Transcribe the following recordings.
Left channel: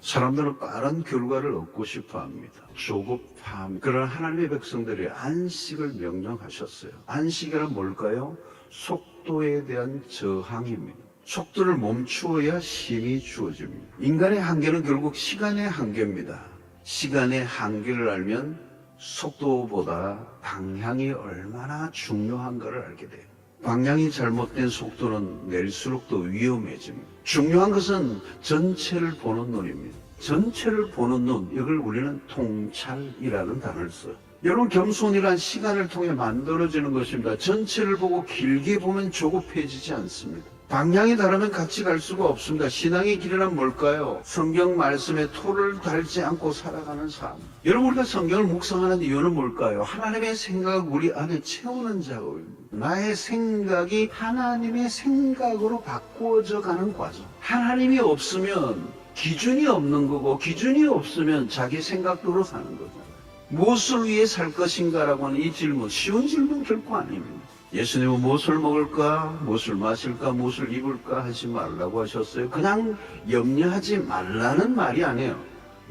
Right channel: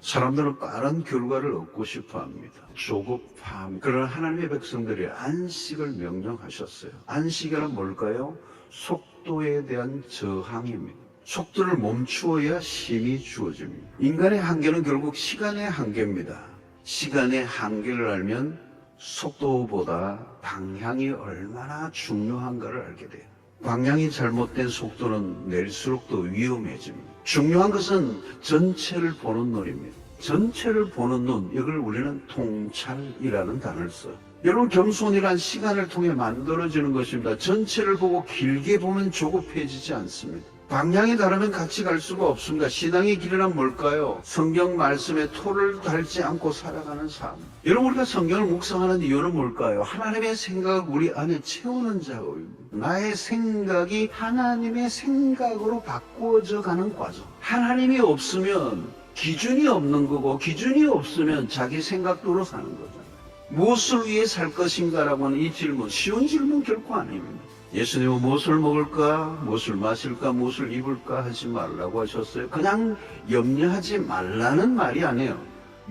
사람들은 빠른 결과를 얻고 싶어 합니다. 조급함. 그러나 하나님의 백성들이 안식을 명령하셨어요. 안식이란 뭘까요? 속도에 대한 저항입니다. 속도를 멈추어야 힘이 주어집니다. 인간의 한계는 결국 시간의 한계입니다. 시간의 한계를 알면 속도보다 방향이 얼마나 중요한가를 알게 돼요. 방향이 잘못된 속도는 낼수록 더 위험해집니다. 중요한 것은 전체를 보는 눈입니다. 전체를 보는 눈, 이걸 우리는 통찰이라는 단어를 써요. 여러분, 겸손이란 시간을 통해 만들어지는 것입니다. 전체를 보고 길게 보면 조급해지지 않습니다. 방향이 다르면 같이 갈 수가 없습니다. 신앙의 길이란 뭘까요? 성경 말씀에 토를 달지 않고 살아가는 삶. 여러분, 우리가 성경을 묵상하는 이유는 뭘까요? 하나님의 생각을 우리 안에 채우는 작업입니다. 나의 생각이 하나님의 생각으로 바꾸어져 가는 과정. 하나님이 없으면 기준이 없는 거고, 기준이 없으면 자기 생각대로 사는 거잖아요. 무엇을 위해 살 것인가라고 하는 이 질문, 쉬운 질문 결코 아닙니다. 예수님은 무엇을 먹을까, 무엇을 마실까, 무엇을 입을까 하지 말라고 하셨어요. 그냥 염려하지 말라는 말이 아니에요.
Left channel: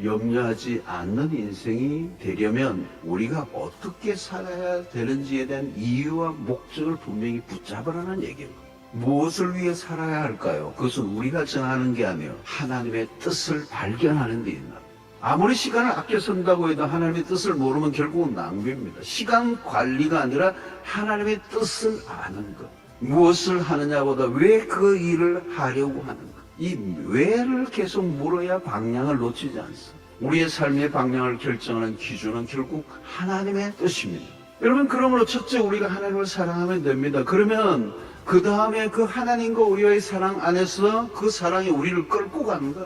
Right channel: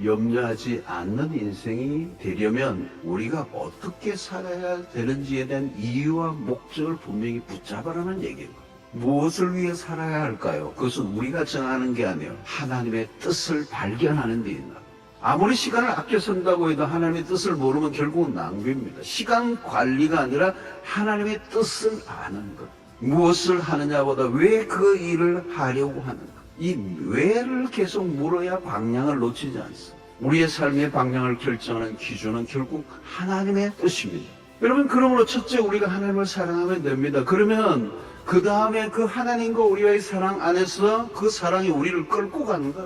염려하지 않는 인생이 되려면 우리가 어떻게 살아야 되는지에 대한 이유와 목적을 분명히 붙잡으라는 얘기예요. 무엇을 위해 살아야 할까요? 그것은 우리가 정하는 게 아니에요. 하나님의 뜻을 발견하는 데 있는. 아무리 시간을 아껴 쓴다고 해도 하나님의 뜻을 모르면 결국은 낭비입니다. 시간 관리가 아니라 하나님의 뜻을 아는 것. 무엇을 하느냐보다 왜 그 일을 하려고 하는가. 이 왜를 계속 물어야 방향을 놓치지 않습니다. 우리의 삶의 방향을 결정하는 기준은 결국 하나님의 뜻입니다. 여러분, 그러므로 첫째 우리가 하나님을 사랑하면 됩니다. 그러면 그 다음에 그 하나님과 우리와의 사랑 안에서 그 사랑이 우리를 끌고 간다.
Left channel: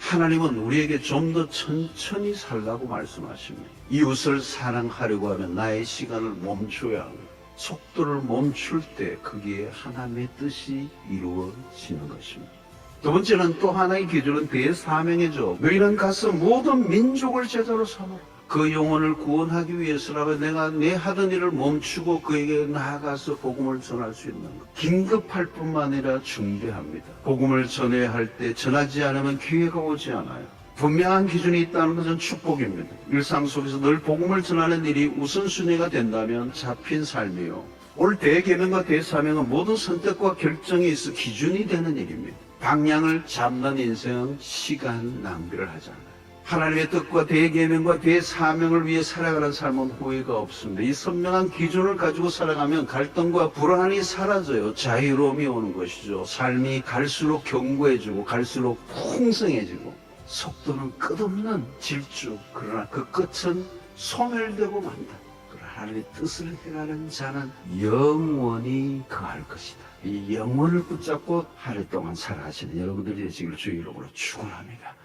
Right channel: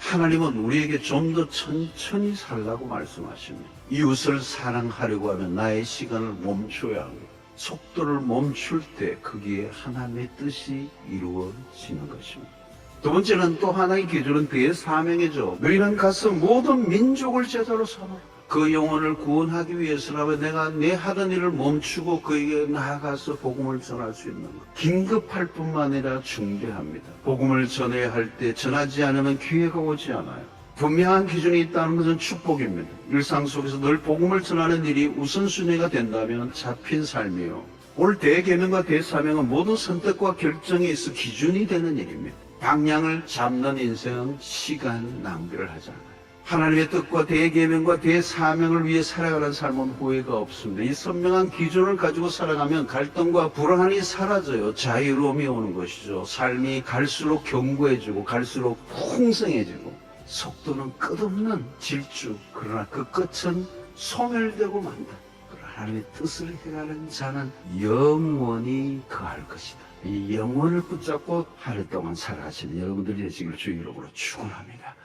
하나님은 우리에게 좀 더 천천히 살라고 말씀하십니다. 이웃을 사랑하려고 하면 나의 시간을 멈춰야 하고, 속도를 멈출 때 거기에 하나님의 뜻이 이루어지는 것입니다. 두 번째는 또 하나의 기준은 대사명이죠. 너희는 가서 모든 민족을 제자로 삼아라. 그 영혼을 구원하기 위해서라면 내가 내 하던 일을 멈추고 그에게 나아가서 복음을 전할 수 있는 것. 긴급할 뿐만 아니라 중대합니다. 복음을 전해야 할 때 전하지 않으면 기회가 오지 않아요. 분명한 기준이 있다는 것은 축복입니다. 일상 속에서 늘 복음을 전하는 일이 우선순위가 된다면 잡힌 삶이요. 오늘 대계명과 대사명은 모든 선택과 결정에 있어 기준이 되는 일입니다. 방향을 잡는 인생은 시간 낭비를 하잖아요. 하나님의 뜻과 대계명과 대사명을 위해 살아가는 삶은 후회가 없습니다. 이 선명한 기준을 가지고 살아가면 갈등과 불안이 사라져요. 자유로움이 오는 것이죠. 삶이 갈수록 견고해지고 갈수록 풍성해지고, 속도는 끝없는 질주. 그러나 그 끝은 소멸되고 만다. 그러나 하나님의 뜻을 행하는 자는 영원히 거할 것이다. 이 영혼을 붙잡고 하루 동안 살아가시는 여러분들이 되시길 주의 이름으로 축원합니다.